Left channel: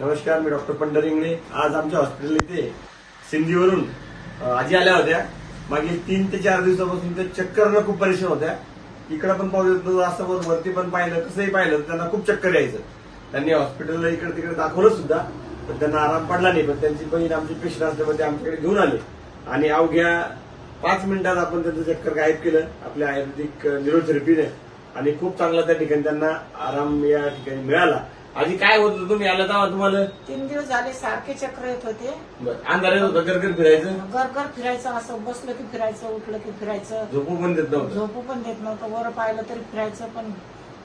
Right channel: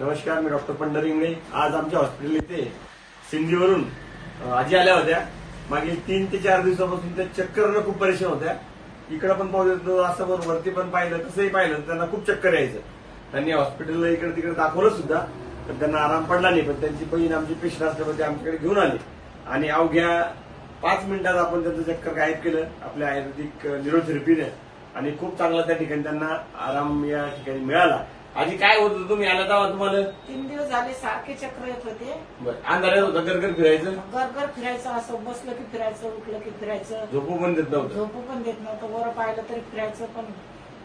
नमस्कार, मी डॉक्टर पंढर इंगळे. आज आमच्या हॉस्पिटल इथे सिंधीवरून आजी आल्या होत्या. मागील 3 ते 4 दिवसापासून त्या चक्करनं खूप परेशान होत्या. इकडे पण पाहू देतो, असं वरती पण पाहिलं, कसंही पाहिलं तर त्यांना खूप चक्कर यायचं. त्यांनी हॉस्पिटलला इकडे तिकडे दाखवलं सुद्धा, पण त्यांना आराम पडला नाही. पण त्यांची बहीण आमची पेशंट असल्यामुळे ते आमच्याकडे घेऊन आले आणि अवघ्या 5 मिनिटात आपण त्यांचं चक्कर गायब केलं आपल्या आयुर्वेदिक न्यूरोथेरपीने आणि खूप चांगला त्या ठिकाणी त्यांना आराम या ठिकाणी मिळाला. आधी काय होत होतं, तुम्ही आला तेव्हा तुम्हाला 3 दिवस झाले सारखे चक्र येत होते. अंधार येत होतं, गरगर फिरायचं, गरगर फिरायचं, असं बसलं की फिरायचं, उठलं की फिरायचं, झोपू पण देत नव्हतं. झोपू पण देत नव्हतं. वर पाहिलं तरी फिरायचं. पण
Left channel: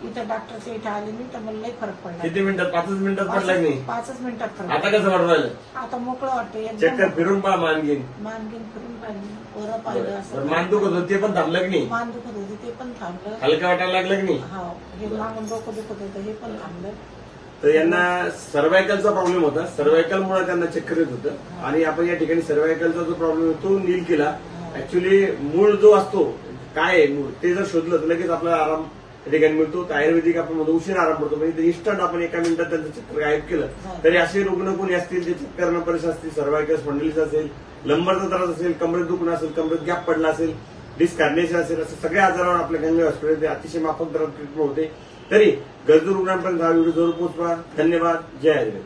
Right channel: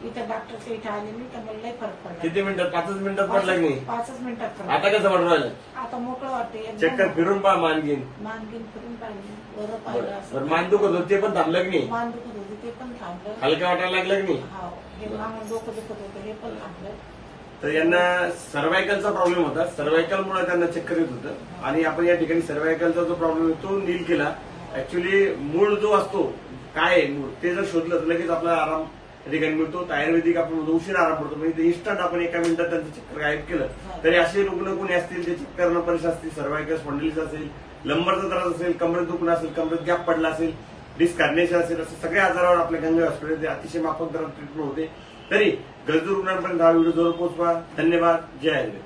इथं डॉक्टरच्या इथे आले नाही तर मला लय फरक पडला. किती मिनिटात? 5 मिनिटात पडला की नाही? 5 मिनिटात फरक. आता कसं वाटू राहिलं? आता मोकळं वाटते. चक्कर फिरून पहा, मानगीन मानगीन फिरून पाहिली, वर पाहिलं, असं मान दुखत होतं ते पण थांबलं की नाही? मान दुखत होती ते पण थांबलं. हलका वाटायला लागलं की नाही? हा, हे मागून डोकं दुखत होतं हे पण थांबलं. तर यांना सर्व्हायकलचा प्रॉब्लेम होता. सर्व्हायकलमुळे त्यांना चक्कर येत होतं आणि आपण या ठिकाणी सर्व्हायकलचा जो प्रॉब्लेम तो नील केला. ऍक्च्युली मूळ जो असतो काय आहे मूळ ते जर शोधलं तर लगेच आपल्याला आराम या ठिकाणी मिळतो. तर आयुर्वेदिक आपण म्हणतो उशीर आराम पडतो, म्हणजे इन्स्टंट आपण एका मिनिटात त्यांचं चक्कर गायब केलं. तरी असे रुग्ण कोणी असतील जे चक्कर परेशान असतील, सर्व्हायकल स्पॉन्डिलिटिस असेल, लंबरचा त्रास असेल, कमरेत दुखणं असेल, कमरेत गॅप पडला असेल, डिस्क कार्नेशन असेल, असे सगळ्या आजारावर आपल्या गंगा हॉस्पिटल अतिशय माफक दरात ट्रीटमेंट होते. तरी गरजू रुग्णांपर्यंत हा व्हिडिओ जरूर पोहोचवा. धन्यवाद. जय आयुर्वेद.